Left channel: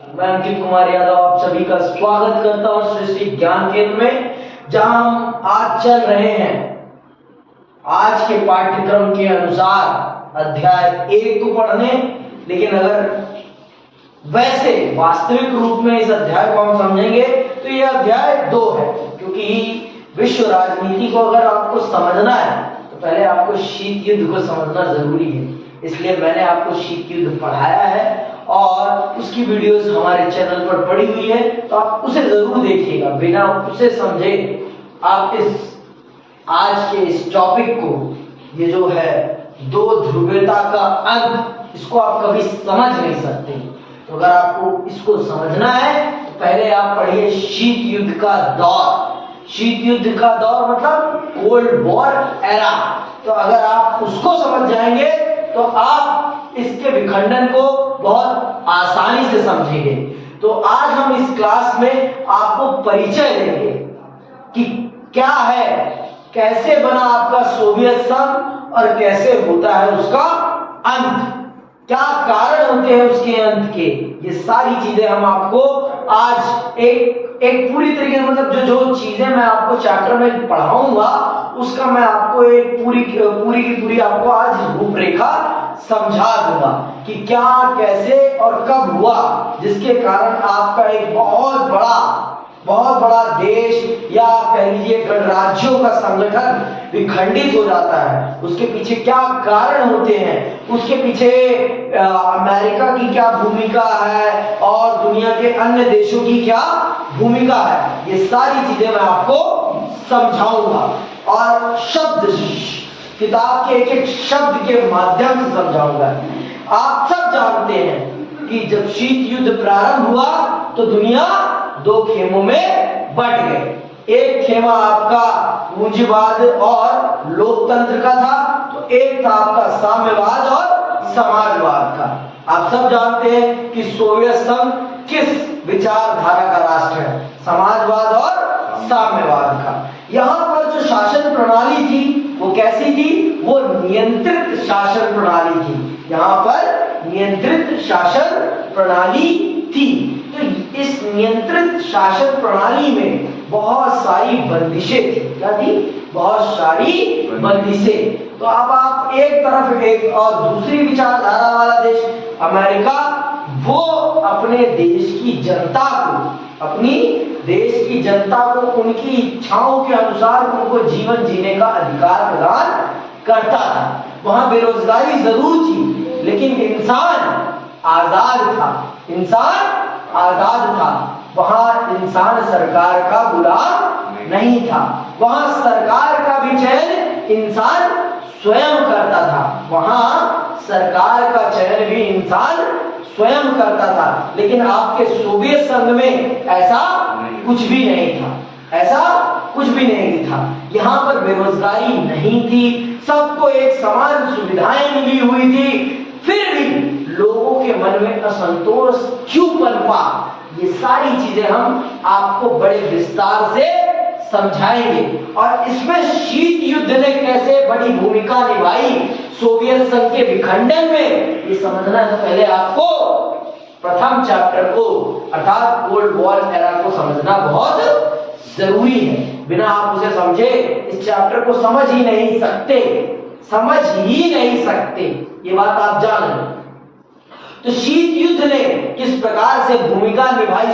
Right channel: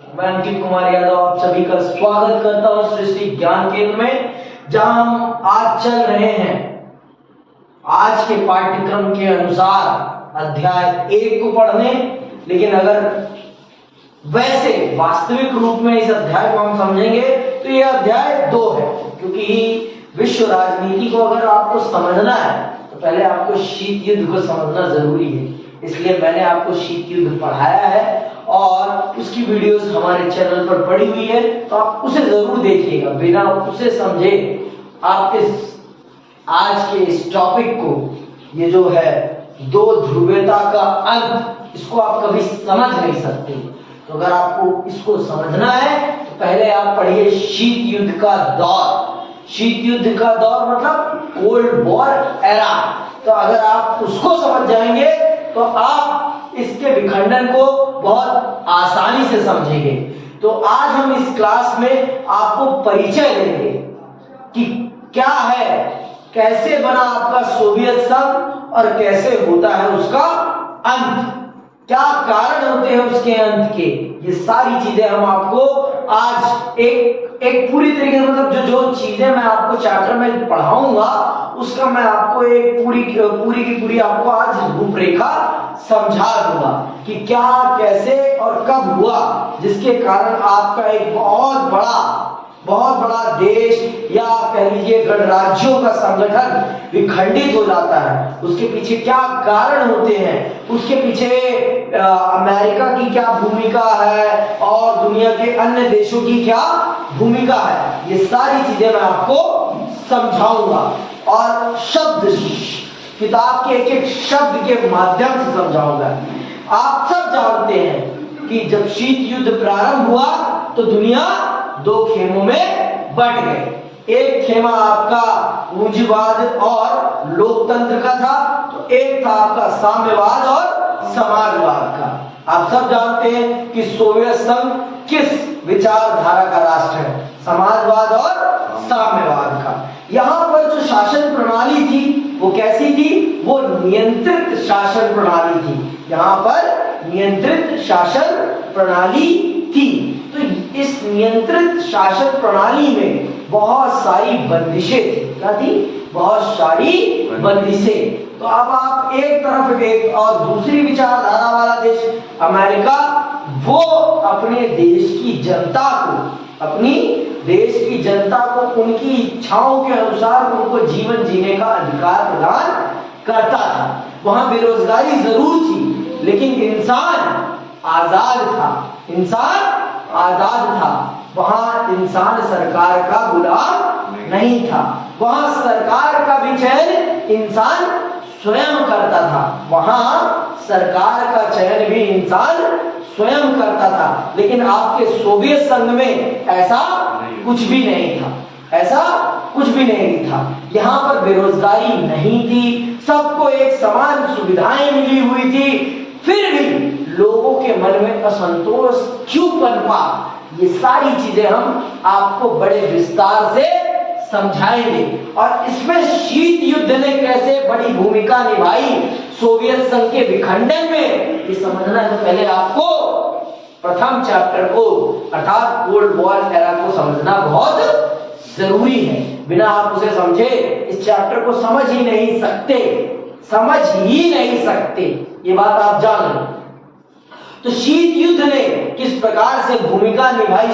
मैं अंकित कुमार यादव आप सभी का स्वागत करता हूं सृष्टि ज्ञान केंद्र में, जहां हम आज चल रहे हैं आज के पाठ्यक्रम के अनुसार अध्याय 1 को पढ़ने। लेकिन अगर वैसे वास्तविक रूप में इस अध्याय को हम समझेंगे तो यह अध्याय 2 है, क्योंकि विश्व राजनीति को अगर आपको समझना है तो पहले आपको शीत युद्ध को समझना जरूरी है। इसलिए मैंने आपको शीत युद्ध पढ़ाया है और उसकी वीडियोस हमारे चैनल पर पड़ी हुई है, तो आप उसे जरूर देखिएगा। बिना उसे समझे आप इस आज के इस टॉपिक को, ये जो है दो ध्रुवीयता का अंत, इसको आप कभी समझ नहीं सकते। तो अगर आपको इसको समझना है तो पहले आप पढ़िए शीत युद्ध का दौर। शीत युद्ध का दौर मतलब कोल्ड वॉर एरा। तो अगर आप उसको समझ जाएंगे तो आप इसके विखंडन को बहुत आसानी से समझेंगे। तो आज हम इस क्लास में आपको परिचय देंगे कि क्या है, कैसे बना आपका सोवियत संघ और कैसे होता है उसका अंत, क्या कारण होते हैं उसके अंत के। ये सारी चीजें हम आपको आज एक पूरी तरीके से, मतलब जो चीजें मैं आपको चैप्टर में पढ़ाऊंगा उसका मैं आपको एक पूरी की पूरी आपको आज रूपरेखा समझा दूंगा कि क्या, कैसे और कब हुआ, जिसके कारण आपका एक बहुत बड़ा देश या कह लीजिए गणराज्यों का संगठन विखंडित हो जाता है। उसके पीछे क्या कारण होते हैं, उसके पीछे अमेरिका की क्या भूमिका है और दुनिया के अन्य देशों की क्या भूमिका है, ये सारी चीजें मैं आपको समझाऊंगा और किताब के एक शब्द के माध्यम से समझाऊंगा। आप सब जानते हैं कि जब शीत युद्ध प्रारंभ हुआ तो दुनिया दो खेमों में बंट गई। एक खेमा आपका पूंजीवाद और लोकतंत्र का था, तो एक था आपका साम्यवाद और समाजवाद का। आप सब जानते हैं कि सोवियत संघ किस विचारधारा का राष्ट्र है, समाजवाद और साम्यवाद का। यहाँ पर जो शासन प्रणाली थी वो कैसी थी, वो नियंत्रित शासन प्रणाली थी। यहाँ पर नियंत्रित शासन प्रणाली थी। तो इस नियंत्रित शासन प्रणाली में बहुत सारी बंदिशें थी। क्या थी? बहुत सारी बंदिशें। तो अब आप एक तरफ एक और दूसरी विचारधारा वाला देश अमेरिका, वो अपने देश की जनता को उनकी इच्छाओं के अनुसार उनको जीवन जीने का अधिकार प्रदान करता था। वहां बेरोजगारी जरूर थी, लेकिन इंसान आजाद था। वहां इंसान सरकार का गुलाम नहीं था। वहां सरकार का भी चयन इंसान स्वयं करता था। लेकिन आपके सोवियत संघ में ऐसा कुछ भी नहीं था। यहाँ पर बेरोजगारी नहीं थी, सबको एक समान सुविधाएं मिली हुई थी। फिर भी लोगों के मन में असंतोष क्यों पनपा, ये सारी चीजें हम आपको बड़े विस्तार से समझाएंगे। और इसमें शीत युद्ध ने कैसे बड़ी भूमिका निभाई सोवियत संघ के विखंडन में, ये समझना है तो पहले आपको प्रथम चैप्टर को अर्थात कोल्ड वॉर एरा को समझना बहुत जरूरी है। बिना आप उसे समझे इस चैप्टर को समझ ही नहीं सकते। ये बात आप जान लो। तो शीत युद्ध ने किस प्रकार से भूमिका निभाई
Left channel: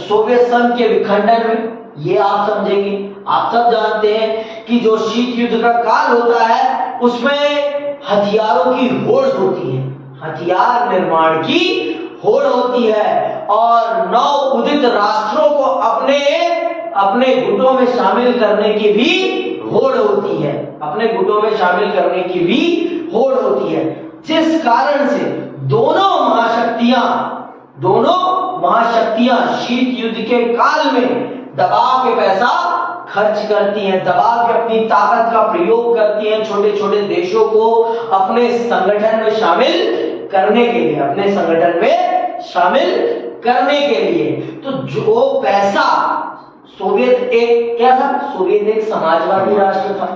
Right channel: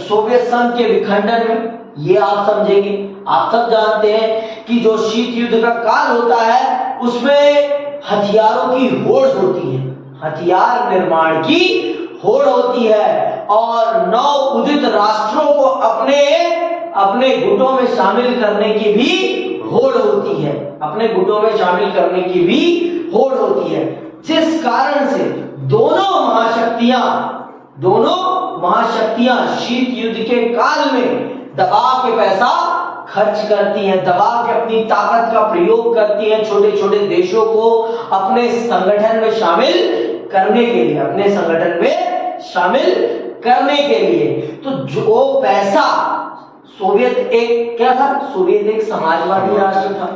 सोवियत संघ के विखंडन में, ये आप समझेंगे। आप सब जानते हैं कि जो शीत युद्ध का काल होता है उसमें हथियारों की होड़ होती है, हथियार निर्माण की होड़ होती है और नव उदित राष्ट्रों को अपने गुटों में शामिल करने की भी होड़ होती है। जिस कारण से दोनों महाशक्तियां शीत युद्ध के काल में दबा के पैसा खर्च करती हैं, दबा के अपनी ताकत का प्रयोग करती हैं छोटे छोटे देशों को अपने संगठन में शामिल करने के लिए। तो जो पैसा सोवियत एक समाजवादी राष्ट्र था,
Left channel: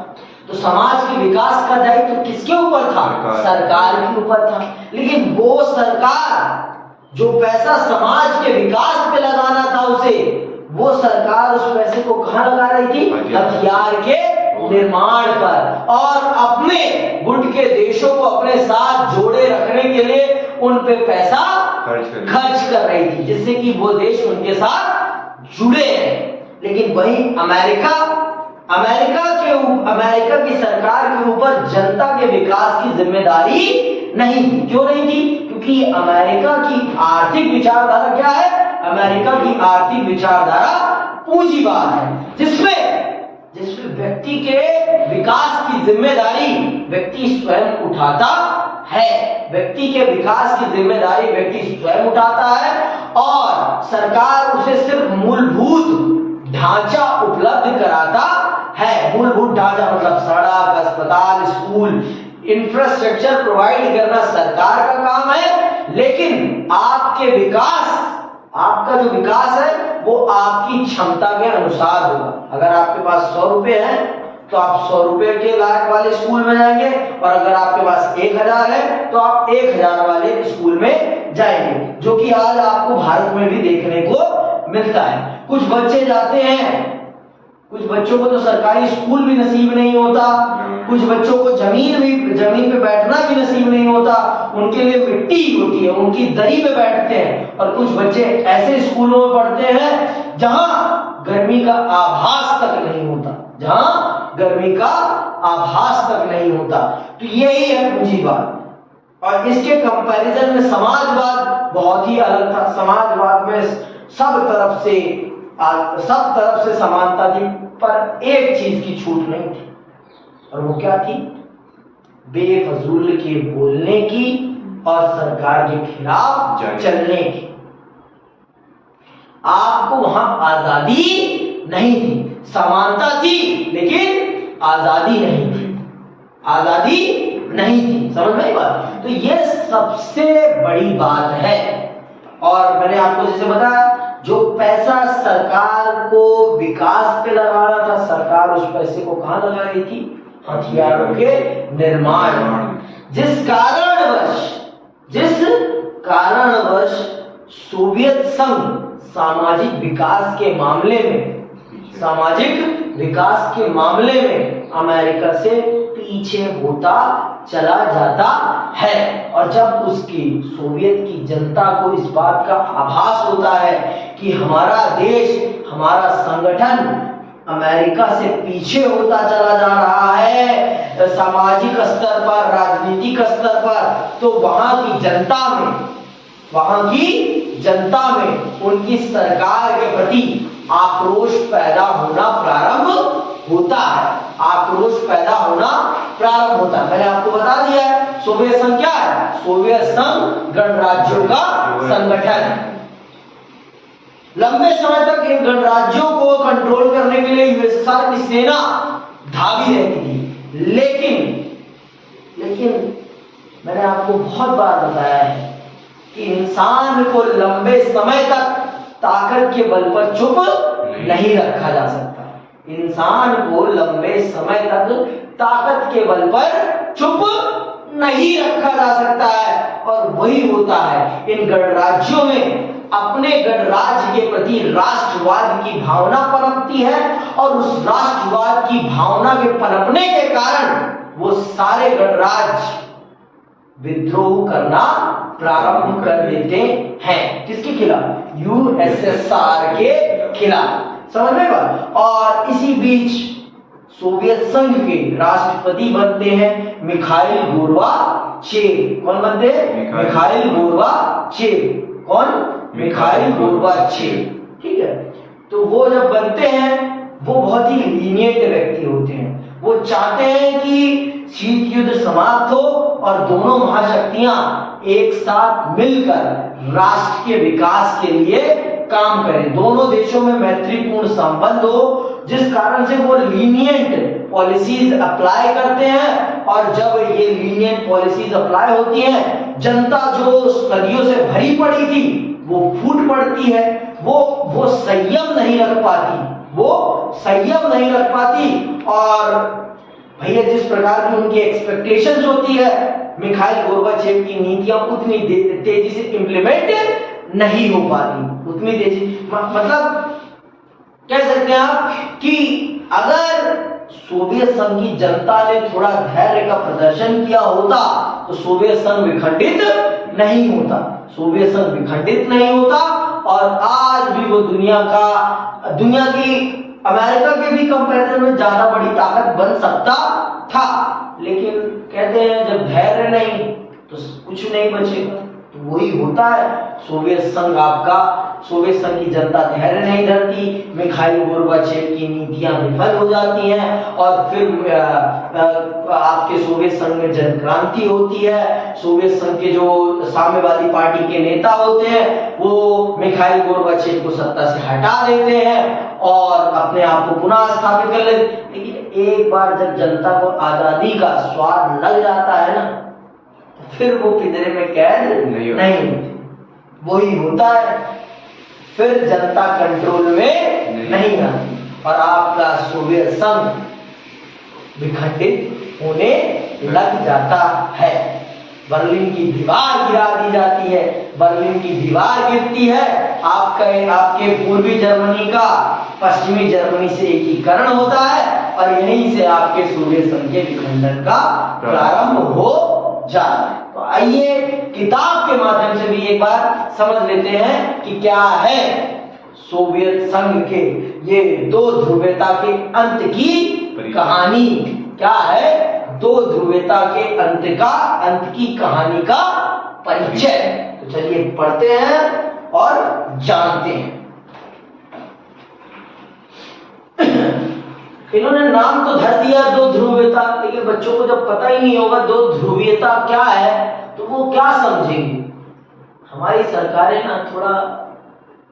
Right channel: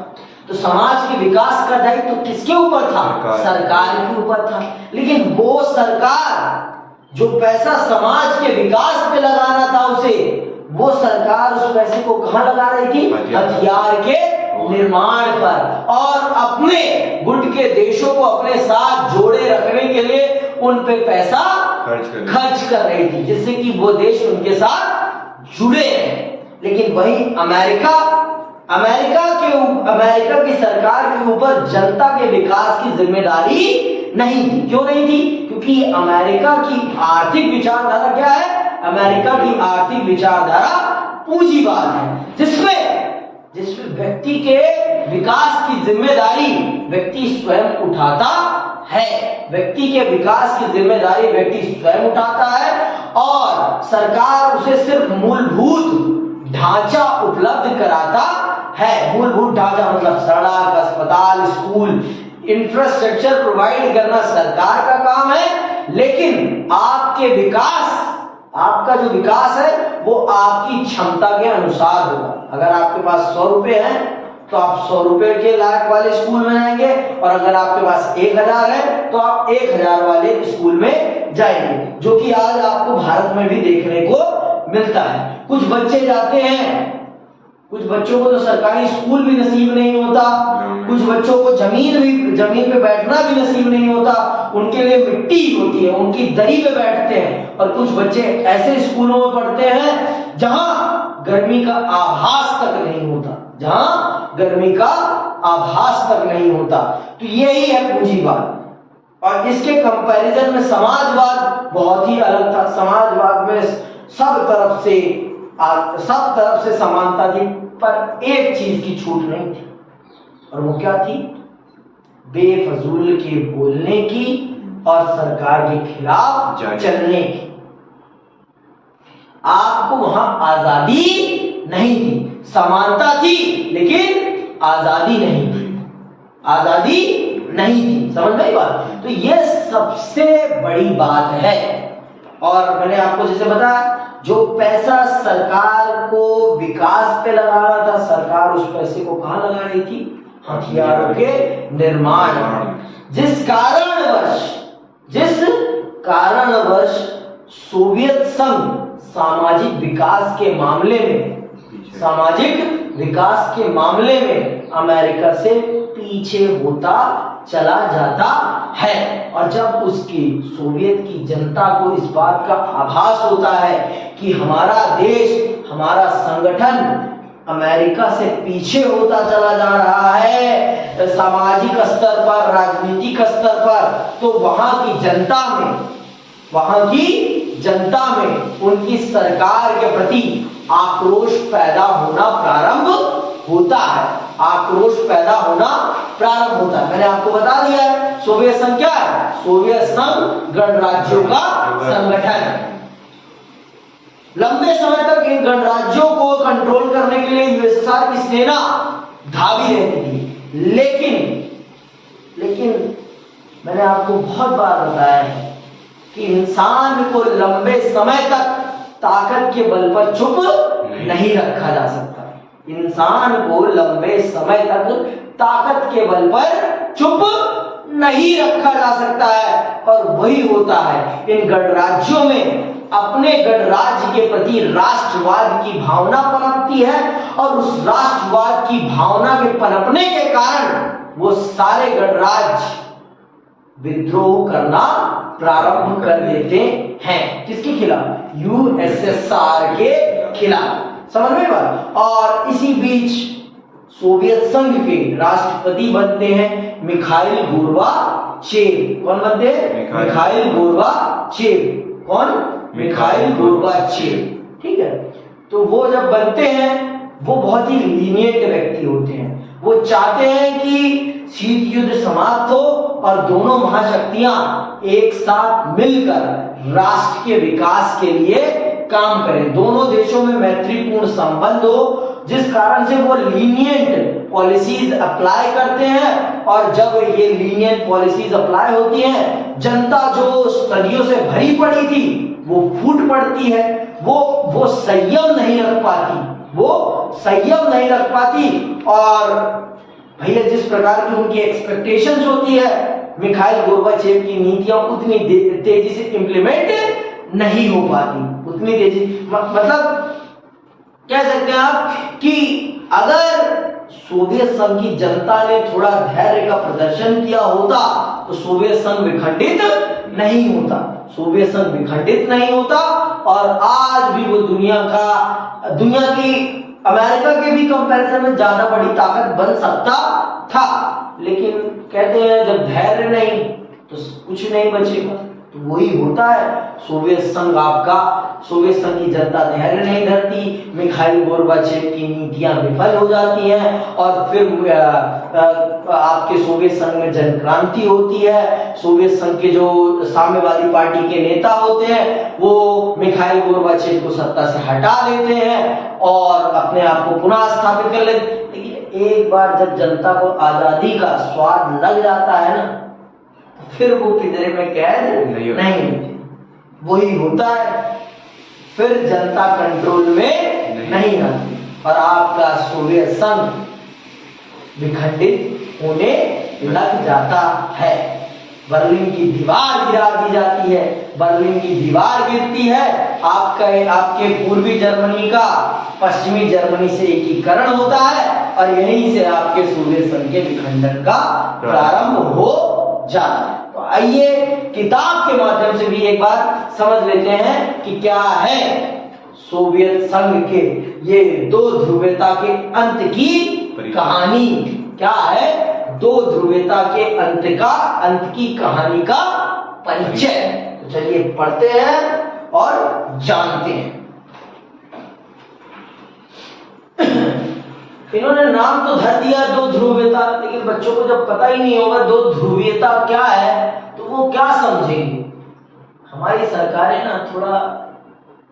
तो समाज के विकास का दायित्व तो किसके ऊपर था? सरकार के ऊपर था। लेकिन वो सरकार जो पैसा समाज के विकास पे लगाना था उसे, वो सरकार उस पैसे को कहां लगा रही थी? हथियार के निर्माण पर, और अपने गुट के देशों को अपने साथ जोड़े रखने के लिए उन पे पैसा खर्च कर रही थी, जिससे कि वो देश उनके साथ जुड़े रहे। लेकिन वही अमेरिका की सरकार के ऊपर जनता के विकास की जिम्मेदारी नहीं थी। क्यों नहीं थी? क्योंकि अमेरिका की आर्थिक विचारधारा क्या है? अमेरिका की आर्थिक विचारधारा पूंजीवाद है, जिसमें व्यक्ति के विकास की जिम्मेदारी व्यक्ति स्वयं उठाता है। व्यक्ति के विकास की जिम्मेदारी व्यक्ति स्वयं उठाता है, और सरकार उसे सिर्फ मूलभूत ढांचा उपलब्ध कराता है। मूलभूत ढांचा मतलब सड़क, अस्पताल, स्कूल, इंफ्रास्ट्रक्चर प्रोवाइड करना सरकार का काम है। लेकिन आपके विकास, आपका जो विकास है वो आपकी क्षमता के अनुसार होगा। अगर आपके पास 100 रुपए हैं तो आप 100 रुपए के लायक वाले स्कूल में जाएंगे, और अगर आपके पास 1000 है तो आप 1000 वाले स्कूल में जाएंगे, जो कि आज आपको भारत में भी देखने को मिलता है। कुछ बच्चे जाते हैं, कुछ बच्चों को तो सरकारी स्कूल भी नसीब नहीं होता, कुछ बच्चों को जमीन पे बैठना भी नसीब नहीं होता, उनके लिए मिट्टी होती है, उनकी दरी पे बैठते हैं। और कुछ बच्चे ऐसे स्कूलों में पढ़ते हैं जहां गर्मी का आभास तक नहीं होता, जहां गर्मी का आभास तक नहीं होता। तो यही है पूंजीवाद। और इसके कंपैरिजन में समाजवाद बहुत ही अलग था। समाजवाद में सब तरफ से समानता थी, पर एक चीज की छूट नहीं थी, और वो क्या थी? बेफजूल के बोलने की और सरकार के खिलाफ चलने की। आपको वहां आजादी नहीं थी, समानता थी लेकिन आजादी नहीं थी, आजादी नहीं थी। समझ में आई बात? तो ये सबसे बड़ी बात है। और मैंने आपको जैसे बताया, जो पैसा सरकार को विकास पे लगाना था, सरकार उस पैसे को कहां लगा रही थी? हथियारों के निर्माण। जिस कारणवश सोवियत संघ सामाजिक विकास के मामले में अमेरिका से पीछे होता चला जाता है। और जब उसकी सोवियत की जनता को इस बात का आभास होता है कि हमारा देश, हमारा संगठन अमेरिका से पीछे होता चला जा रहा है सामाजिक स्तर पर, राजनीतिक स्तर पर, तो वहां की जनता में उनकी सरकार के प्रति आक्रोश पैदा होना प्रारंभ होता है। मैंने आपको बता दिया है, सोवियत संघ क्या है? सोवियत संघ गणराज्यों का संगठन है। लंबे समय तक इन गणराज्यों को कंट्रोल करने के लिए यूएसएसआर की सेना धावी रहती थी। लेकिन मैंने आपको बहुत बार बताया है कि इंसान को लंबे समय तक ताकत के बल पर चुप नहीं रखा जा सकता। इंसान को लंबे समय तक ताकत के बल पर चुप नहीं रखा जा सकता है। और वही होता है, इन गणराज्यों में अपने गणराज्य के प्रति राष्ट्रवाद की भावना पनपती है, और उस राष्ट्रवाद की भावना के पनपने के कारण वो सारे गणराज्य विद्रोह करना प्रारंभ कर देते हैं। किसके खिलाफ? यूएसएसआर के खिलाफ। समझ में बात? और इसी बीच सोवियत संघ के राष्ट्रपति बनते हैं मिखाइल गोर्बाचेव। कौन बनते हैं? Mikhail Gorbachev. कौन? Mikhail Gorbachev. ठीक है। तो वो जब बनते हैं, वो बहुत ही लीनिएंट व्यक्ति होते हैं। वो चाहते हैं कि शीत युद्ध समाप्त हो और दोनों महाशक्तियां एक साथ मिलकर राष्ट्र के विकास के लिए काम करें। दोनों देशों में मैत्रीपूर्ण संबंध हो, जिस कारण से वो लीनिएंट पॉलिसीज अप्लाई करते हैं। और जब ये लीनिएंट पॉलिसीज अप्लाई होती हैं, जनता जो सदियों से भरी पड़ी थी वो फूट पड़ती है। वो संयम नहीं रख पाती, और भैया जिस प्रकार की उनकी एक्सपेक्टेशंस होती है, मिखाइल गोर्बाचेव की नीतियां उतनी तेजी से इंप्लीमेंट नहीं हो पाती, उतनी तेजी मतलब कह सकते हैं आप कि अगर सोवियत संघ की जनता ने थोड़ा धैर्य का प्रदर्शन किया होता तो सोवियत संघ विखंडित नहीं होता, सोवियत संघ विखंडित नहीं होता और आज भी वो दुनिया की अमेरिका के भी कंपैरिजन में ज्यादा बड़ी ताकत बन सकता था। लेकिन कहते हैं जब धैर्य नहीं तो कुछ नहीं बचेगा। तो वही होता है, सोवियत संघ की जनता धैर्य नहीं धरती, मिखाइल गोर्बाचेव की नीतियां विफल हो जाती हैं और फिर आपके सोवियत संघ में जन क्रांति होती है। सोवियत संघ के जो साम्यवादी पार्टी के नेता होते हैं वो मिखाइल गोर्बाचेव को सत्ता से हटा देते हैं और अपने आप को पुनः स्थापित कर लेते। लेकिन एक बार जब जनता को आजादी का स्वाद लग जाता है ना, फिर वो पिंजरे में कैद नहीं होती। वही होता है, फिर जनता कंट्रोल में नहीं आती और आपका सोवियत संघ विखंडित होने लग जाता है। बर्लिन की दीवार गिरा दी जाती है, बर्लिन की दीवार गिरती है, आपके पूर्वी जर्मनी का पश्चिमी जर्मनी से एकीकरण होता है और यहीं से आपके सोवियत संघ के विखंडन का प्रारंभ हो जाता है। तो आइए किताब के माध्यम से भी एक बार समझ लेते हैं कि क्या है सोवियत संघ के ये दो ध्रुवीयता के अंत की कहानी, क्या है दो ध्रुवीयता के अंत की कहानी का परिचय। तो चलिए पढ़ते हैं और जानते हैं। इन्होंने नाम तो धर दिया दो ध्रुवीयता, लेकिन बच्चों को जब पता ही नहीं होगा दो ध्रुवीयता क्या है तो वो क्या समझेंगे। हमारी सरकारें ना थोड़ा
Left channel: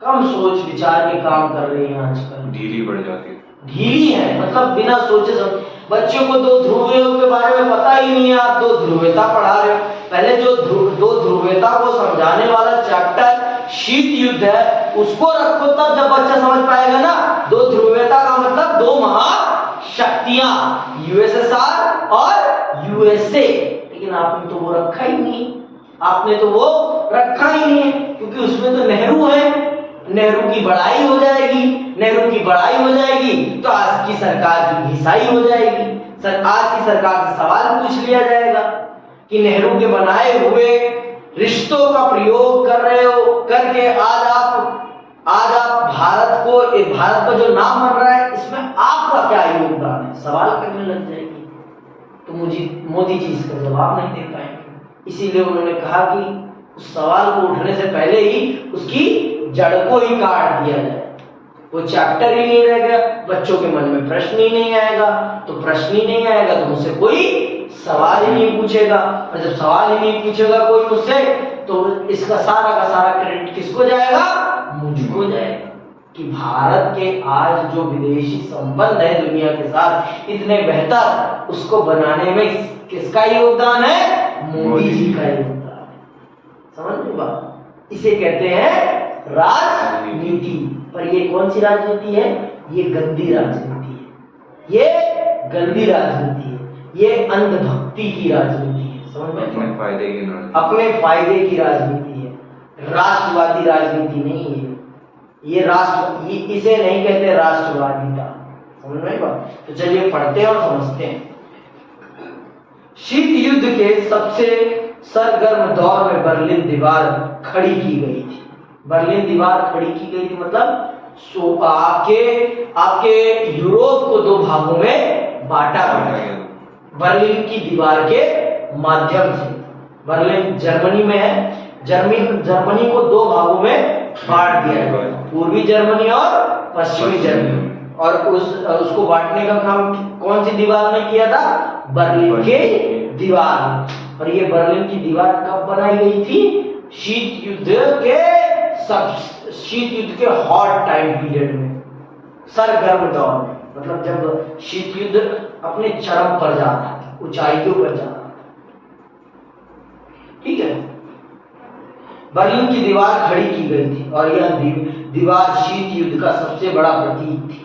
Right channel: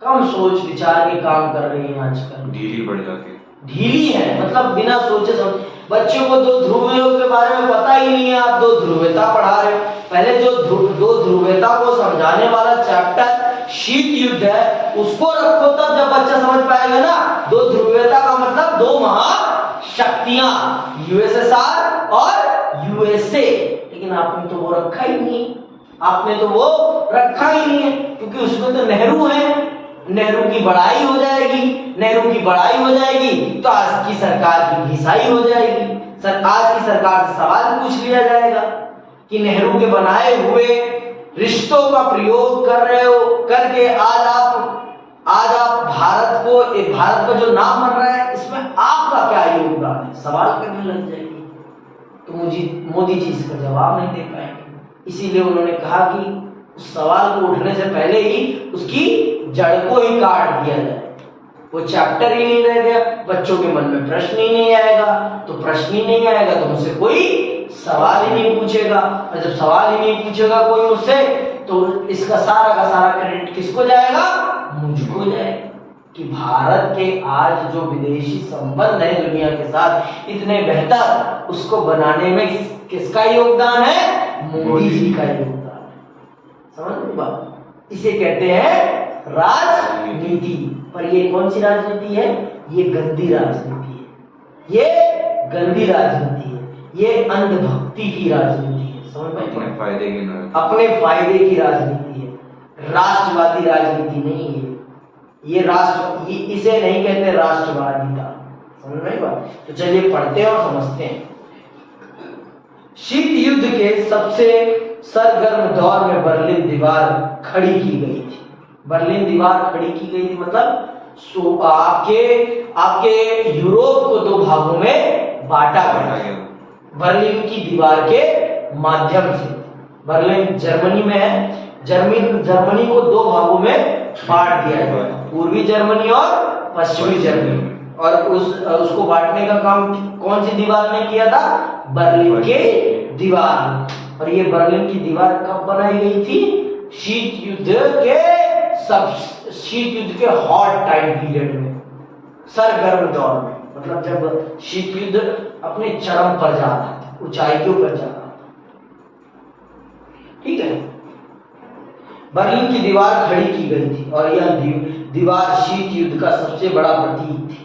कम सोच विचार के काम कर रही हैं आजकल, ढीली पड़ जाती है, ढीली है, मतलब बिना सोचे समझे। बच्चों को दो ध्रुवीयों के बारे में पता ही नहीं है, आप दो ध्रुवीयता पढ़ा रहे हो। पहले जो दो ध्रुवीयता को समझाने वाला चैप्टर शीत युद्ध है उसको रखो, तब जब बच्चा समझ पाएगा ना दो ध्रुवीयता का मतलब दो महाशक्तियां यूएसएसआर और यूएसए। लेकिन आपने तो वो रखा ही नहीं, आपने तो वो रखा ही नहीं है, क्योंकि उसमें तो नेहरू है। नेहरू की बड़ाई हो जाएगी, नेहरू की बड़ाई हो जाएगी तो आज की सरकार की घिसाई हो जाएगी। आज की सरकार से सवाल पूछ लिया जाएगा कि नेहरू के बनाए हुए रिश्तों का प्रयोग कर रहे हो करके आज आप भारत का जो नाम बन रहा है इसमें आपका क्या योगदान है, सवाल करने लग जाएगी। तो मोदी जी इसका जवाब नहीं दे पाएंगे। इसीलिए उन्होंने कहा कि उस सवाल को उठने से पहले ही उसकी जड़ को ही काट दिया जाए। वो चैप्टर ही नहीं रह गया, बच्चों के मन में प्रश्न ही नहीं आएगा, तो प्रश्न ही नहीं आएगा तो मुझसे कोई सवाल ही नहीं पूछेगा, और जब सवाल ही नहीं पूछेगा कोई मुझसे तो इसका सारा का सारा क्रेडिट किसको जाएगा, मुझको जाएगा। कि भारत के आज जो विदेशी संबंध है दुनिया के साथ इतने बेहतर, उसको बनाने में किसका योगदान है, मोदी जी का योगदान है। समझ में बात, इसे कहते हैं राजनीति। पर ये कौन सी राजनीति है, ये गंदी राजनीति है, ये गंदी राजनीति है, ये अंधभक्ति की राजनीति है। समझ में, अपने फायदे की राजनीति है, राष्ट्रवादी राजनीति नहीं है ये। इसे नहीं कहते राष्ट्रवादिता। समझ में बात। तो चलिए पढ़ते हैं और समझते हैं। शीत युद्ध के सबसे सरगर्म दौर में बर्लिन दीवार खड़ी की गई थी। बर्लिन दीवार खड़ी की गई थी मतलब आपके यूरोप को दो भागों में बांटा गया बर्लिन की दीवार के माध्यम से। बर्लिन जर्मनी में है, जर्मनी को दो भागों में बांट दिया गया, पूर्वी जर्मनी और पश्चिमी जर्मनी। और उसको बांटने का काम कौन सी दीवार ने किया था, बर्लिन के दीवार। और ये बर्लिन की दीवार कब बनाई गई थी, शीत युद्ध के हॉट टाइम पीरियड में, सरगर्म दौर में, मतलब जब शीत युद्ध अपने चरम पर जाता था, ऊंचाइयों पर जाता था। ठीक है, बर्लिन की दीवार खड़ी की गई थी और यह दीवार शीत युद्ध का सबसे बड़ा प्रतीक थी।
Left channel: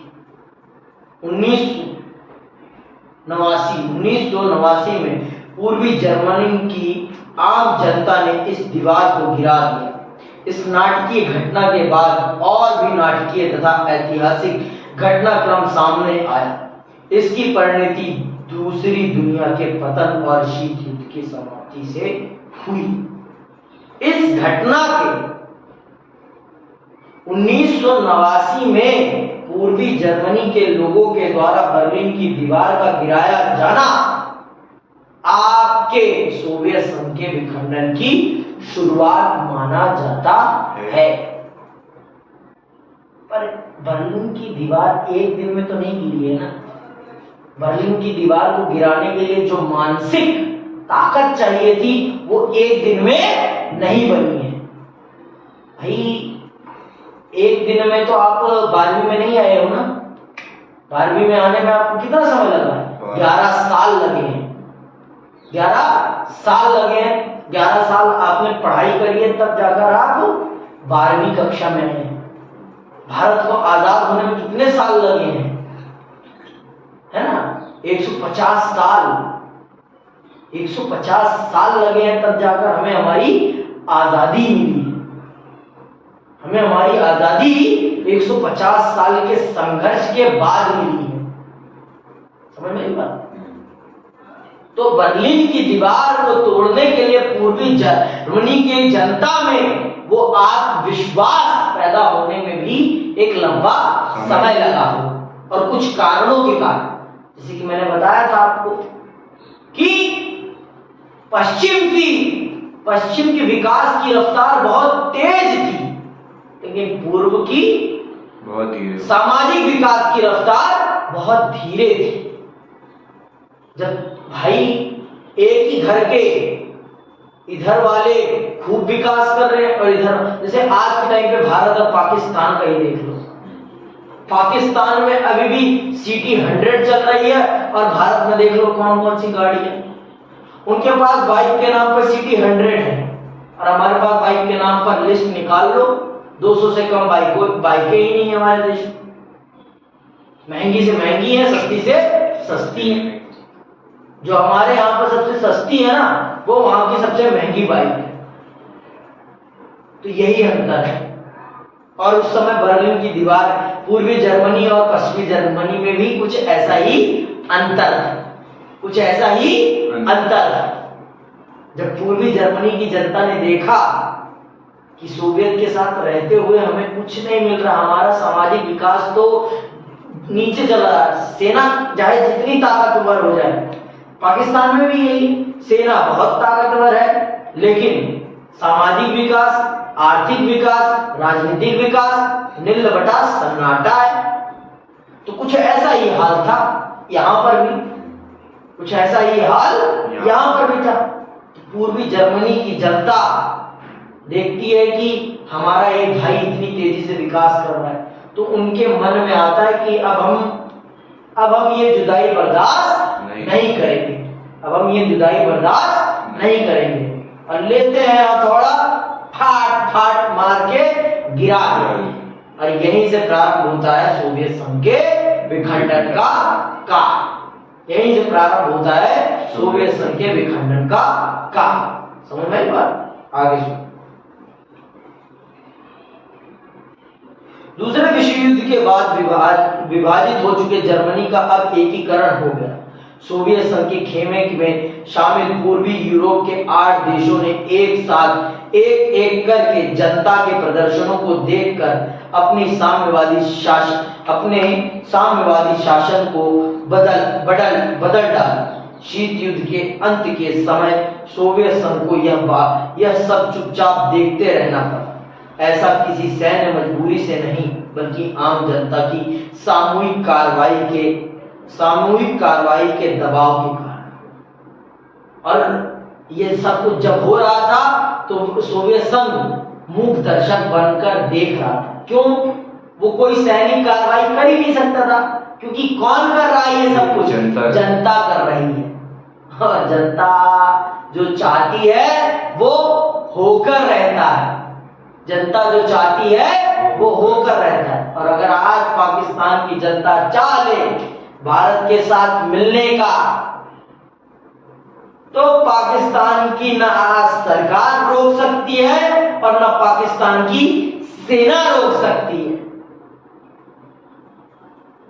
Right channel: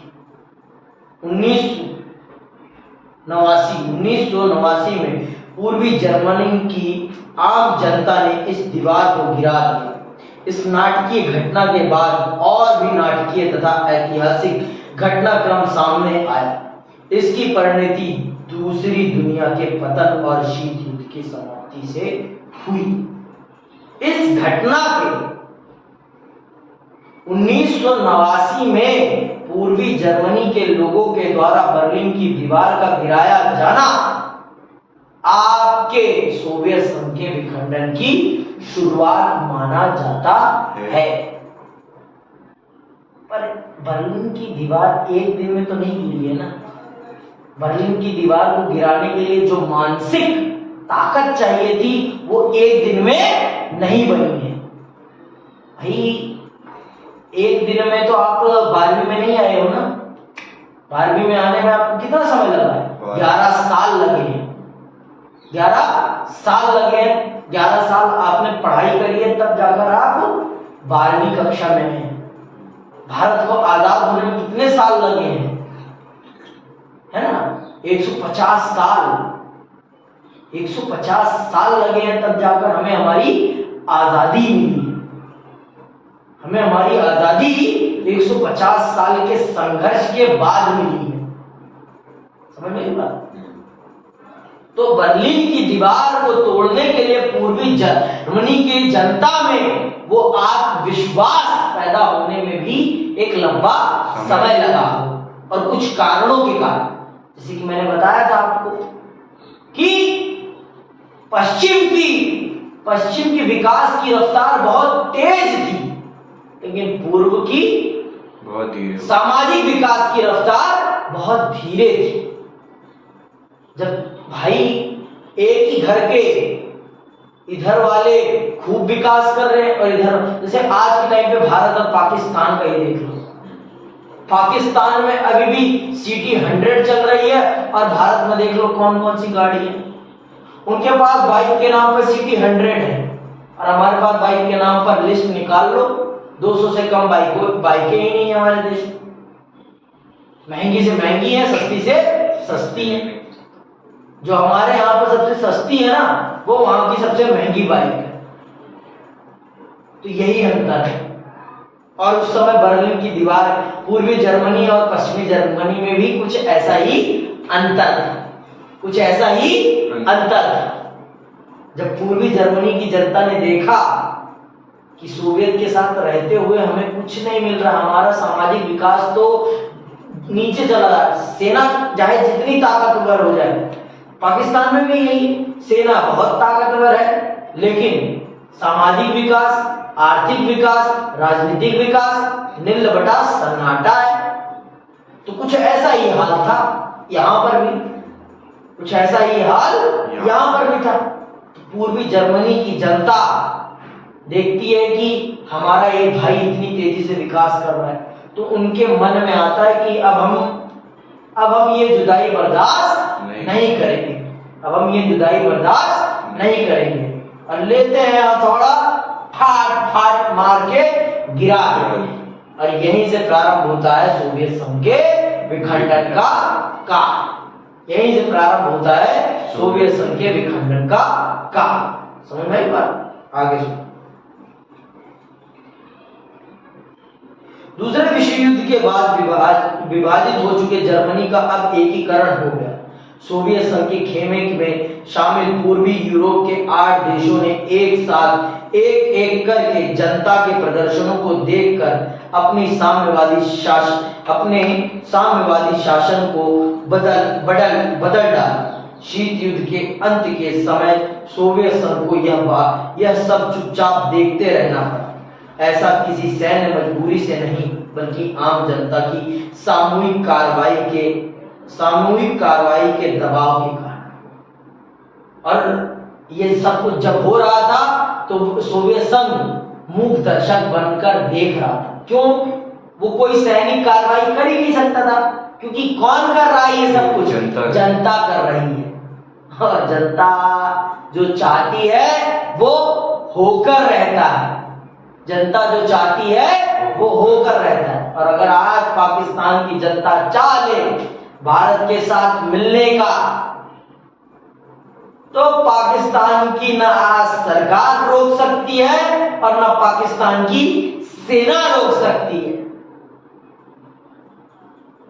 1989 में पूर्वी जर्मनी की आम जनता ने इस दीवार को गिरा दिया। इस नाटकीय घटना के बाद और भी नाटकीय तथा ऐतिहासिक घटनाक्रम सामने आया। इसकी परिणति दूसरी दुनिया के पतन और शीत युद्ध की समाप्ति से हुई। इस घटना के 1989 में पूर्वी जर्मनी के लोगों के द्वारा बर्लिन की दीवार का गिराया जाना आपके सोवियत संघ के विखंडन की शुरुआत माना जाता है। पर बर्लिन की दीवार एक दिन में तो नहीं गिरी है ना। बर्लिन की दीवार को गिराने के लिए जो मानसिक ताकत चाहिए थी वो एक दिन में नहीं बनी है। भाई एक दिन में तो आप 12वीं में नहीं आए हो ना। 12वीं में आने में आपको कितना समय लगा है? 11 साल लगे हैं। 11 साल लगे हैं। 11 साल आपने पढ़ाई करी है, तब जाकर आप 12वीं कक्षा में हैं। भारत को आजाद होने में कितने साल लगे हैं? है ना, 150 साल। 150 साल लगे हैं, तब जाकर हमें हमारी आजादी मिली। हमें हमारी आजादी 150 साल के संघर्ष के बाद मिली है। समझ में आई बात? तो बर्लिन की दीवार को तोड़ने के लिए पूर्वी जर्मनी की जनता में वो आत्मविश्वास पैदा होने में भी एक लंबा समय लगा हो, और कुछ कारणों के कारण, जैसे कि मैंने बताया था आपको कि पश्चिम की विकास की रफ्तार बहुत तेज थी, लेकिन पूर्व की बहुत धीरे। सामाजिक विकास की रफ्तार बहुत धीरे थी। जब भाई एक ही घर के इधर वाले खूब विकास कर रहे हैं और इधर, जैसे आज के टाइम पे भारत और पाकिस्तान का ही देख लो। पाकिस्तान में अभी भी सिटी 100 चल रही है, और भारत में देख लो कौन कौन सी गाड़ी है। उनके पास बाइक के नाम पर सिटी 100 है, और हमारे पास बाइक के नाम पर लिस्ट निकाल लो, 200 से कम बाइकें ही नहीं है हमारे देश में। महंगी से महंगी है, सस्ती से सस्ती है। जो हमारे यहाँ पर सबसे सस्ती है ना, वो वहां की सबसे महंगी बाइक है। तो यही अंतर है। और उस समय बर्लिन की दीवार, पूर्वी जर्मनी और पश्चिमी जर्मनी में भी कुछ ऐसा ही अंतर था। कुछ ऐसा ही अंतर था। जब पूर्वी जर्मनी की जनता ने देखा कि सोवियत के साथ रहते हुए हमें कुछ नहीं मिल रहा, हमारा सामाजिक विकास तो नीचे चला रहा है, सेना चाहे जितनी ताकतवर हो जाए, पाकिस्तान में भी यही, सेना बहुत ताकतवर है, लेकिन सामाजिक विकास, आर्थिक विकास, राजनीतिक विकास नीलबटा सन्नाटा है। तो कुछ ऐसा ही हाल था यहां पर भी, कुछ ऐसा ही हाल यहां पर भी था। पूर्वी जर्मनी की जनता देखती है कि हमारा एक भाई इतनी तेजी से विकास कर रहा है, तो उनके मन में आता है कि अब हम ये जुदाई बर्दाश्त नहीं करेंगे। अब हम ये जुदाई बर्दाश्त नहीं करेंगे, और लेते हैं हथौड़ा, फाट फाट मार के गिरा देते। और यहीं से प्रारंभ होता है सोवियत संघ के विखंडन का काल। यहीं से प्रारंभ होता है सोवियत संघ के विखंडन का काल। समझ में आई बात? आगे सुनो। दूसरे विश्व युद्ध के बाद विभाजित हो चुके जर्मनी का अब एकीकरण हो गया। सोवियत संघ के खेमे में शामिल पूर्वी यूरोप के 8 देशों ने एक साथ एक करके जनता के प्रदर्शनों को देखकर अपने साम्यवादी शासन को बदल डाला। शीत युद्ध के अंत के समय सोवियत संघ को यह सब चुपचाप देखते रहना पड़ा। ऐसा किसी सैन्य मजबूरी से नहीं, बल्कि आम जनता की सामूहिक कार्रवाई के दबाव के कारण। और ये सब कुछ जब हो रहा था तो सोवियत संघ मूक दर्शक बनकर देख रहा था। क्यों? वो कोई सैनिक कार्रवाई कर ही नहीं सकता था, क्योंकि कौन कर रहा है ये सब कुछ? जनता कर रही है। और जनता जो चाहती है वो होकर रहता है। जनता जो चाहती है वो होकर रहता है। और अगर आज पाकिस्तान की जनता चाह ले भारत के साथ मिलने का, तो पाकिस्तान की ना आज सरकार रोक सकती है और न पाकिस्तान की सेना रोक सकती है।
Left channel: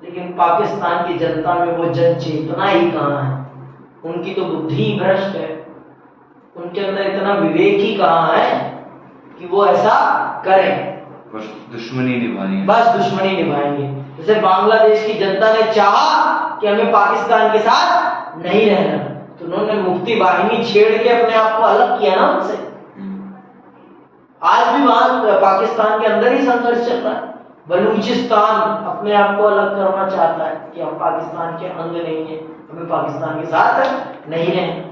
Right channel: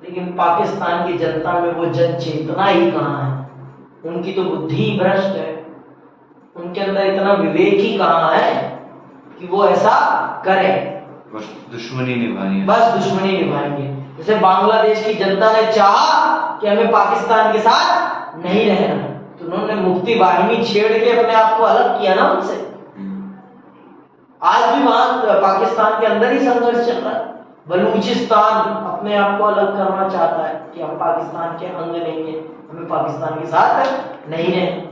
लेकिन पाकिस्तान की जनता में वो जन चेतना ही कहाँ है, उनकी तो बुद्धि भ्रष्ट है, उनके अंदर इतना विवेक ही कहाँ है कि वो ऐसा करें। बस दुश्मनी निभाएंगे, बस दुश्मनी निभाएंगे। जैसे बांग्लादेश की जनता ने चाहा कि हमें पाकिस्तान के साथ नहीं रहना, तो उन्होंने मुक्ति वाहिनी छेड़ के अपने आप को अलग किया ना उनसे। आज भी वहां पाकिस्तान के अंदर ही संघर्ष चल रहा है। बलूचिस्तान अपने आप को अलग करना चाहता है कि हम पाकिस्तान के अंग नहीं है, हमें पाकिस्तान के साथ नहीं रहना।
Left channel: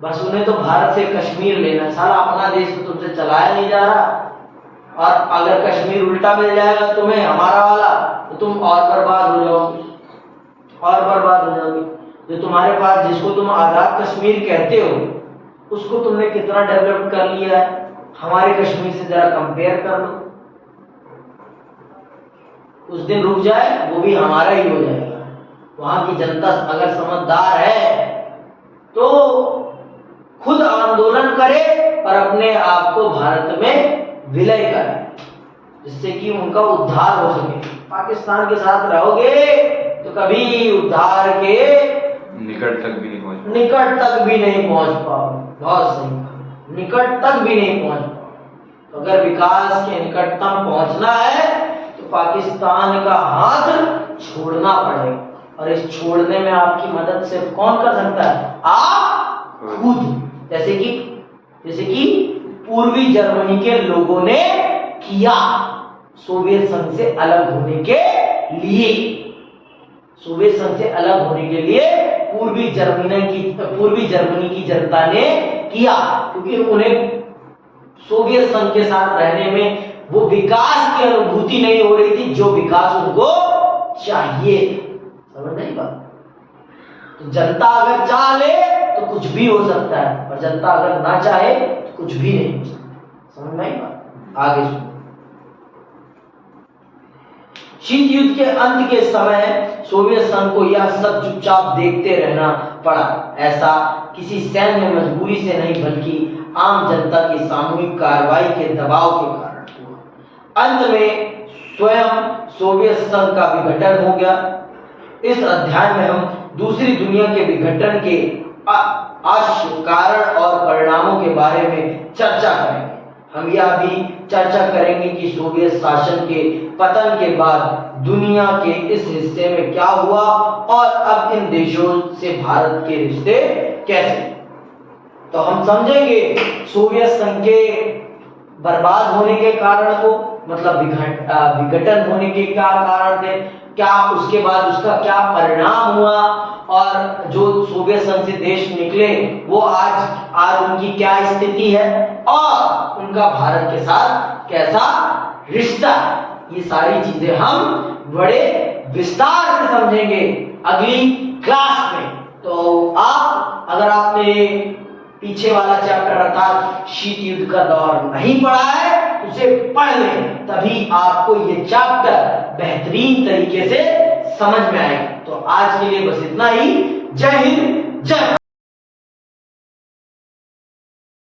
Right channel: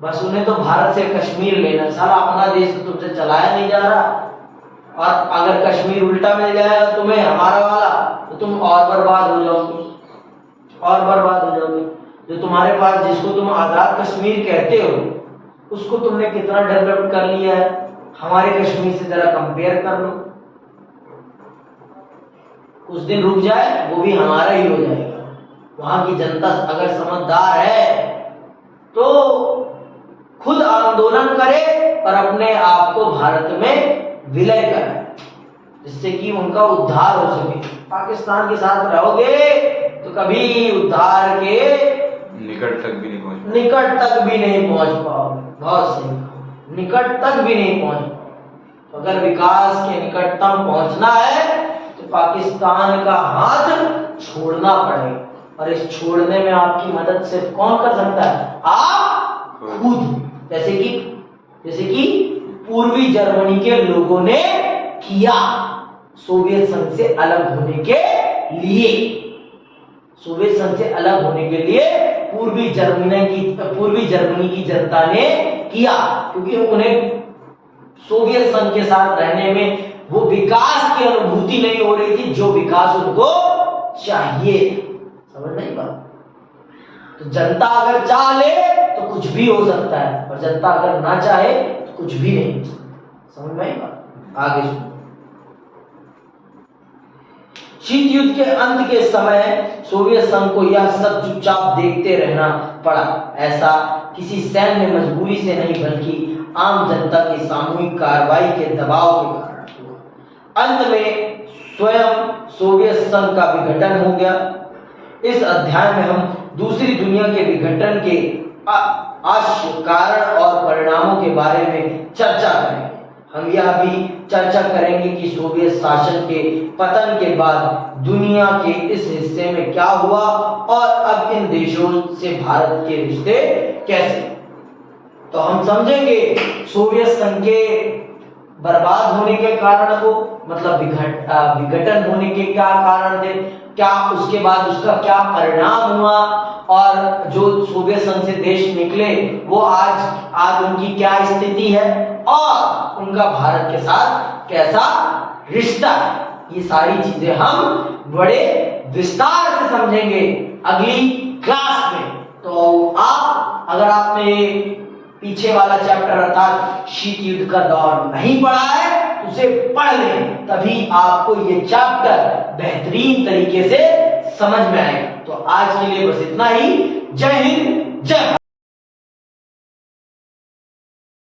बस उन्हें तो भारत से कश्मीर लेना है। साला अपना देश तो तुमसे चलाया नहीं जा रहा, और अगर कश्मीर उल्टा मिल जाएगा तुम्हें हमारा वाला, तो तुम और बर्बाद हो जाओगे, और बर्बाद हो जाओगे। जो तुम्हारे पास, जिसको तुम आजाद कश्मीर कहते हो, उसको तुमने कितना डेवलप कर लिया है, हमारे कश्मीर से जरा कंपेयर कर लो। कुछ दिन रुक जाए, वो भी हमारा ही हो जाएगा। वहां की जनता अगर समझदार है तो खुद आंदोलन करे और अपने आप को भारत में विलय करे, जिससे कि उनका उद्धार हो सके। पाकिस्तान के साथ रहोगे तो कभी उद्धार के निकट तक भी नहीं पहुंच पाओगे। बहुत सही, निकट तक भी नहीं पहुंच पाओगे। तो अगर विकास के निकटतम पहुंचना है तो पाकिस्तान का हाथ छोड़ना पड़ेगा, और इस छोड़ने में आपकी मदद सिर्फ कौन कर सकता है? आप खुद। जैसे कि पूर्वी जर्मनी के लोगों ने किया सोवियत संघ से अलग होने के लिए। सोवियत संघ से अलग होने के लिए पूर्वी जर्मनी की जनता ने किया, क्योंकि उन्हें सोवियत संघ के साथ रहने में वो विकास की अनुभूति नहीं हो रही थी जो विकास उनको चाहिए। समझ नहीं बात? तो जनता अगर चाह ले तो कुछ भी हो सकता है, और जनता अगर ना चाहे तो कुछ भी नहीं हो सकता। समझ में बात? आगे सुनो। शीत युद्ध के अंत के समय सोवियत संघ को यह सब चुपचाप देखते रहना पड़ा। ऐसा किसी सैन्य मजबूरी से नहीं, बल्कि आम जनता की सामूहिक कार्रवाई के दबाव के कारण हुआ। अंत में स्वयं सोवियत संघ का विघटन हो गया। इस अध्याय में हम दूसरी दुनिया के विघटन के अवश्य कारण और परिणामों के बारे में चर्चा करेंगे। हम यह भी चर्चा करेंगे कि सोवियत शासन के पतन के बाद दुनिया के इस हिस्से में क्या हुआ, और अब इन देशों से भारत के रिश्ते कैसे। तो हम समझेंगे सोवियत संघ के बर्बाद होने के कारण को, मतलब विघटन होने के क्या कारण थे, क्या उसके बाद उसका क्या परिणाम हुआ, और जो सोवियत संघ से देश निकले वो आज उनकी क्या स्थिति है, और उनका भारत के साथ कैसा रिश्ता है। ये सारी चीजें हम बड़े विस्तार से समझेंगे अगली क्लास में। तो आप, अगर आपने पीछे वाला चैप्टर अर्थात शीत युद्ध का दौर नहीं पढ़ा है, उसे पढ़ लें, तभी आपको ये चैप्टर बेहतरीन तरीके से समझ में आएगा। तो आज के लिए बस इतना ही। जय हिंद, जय भारत।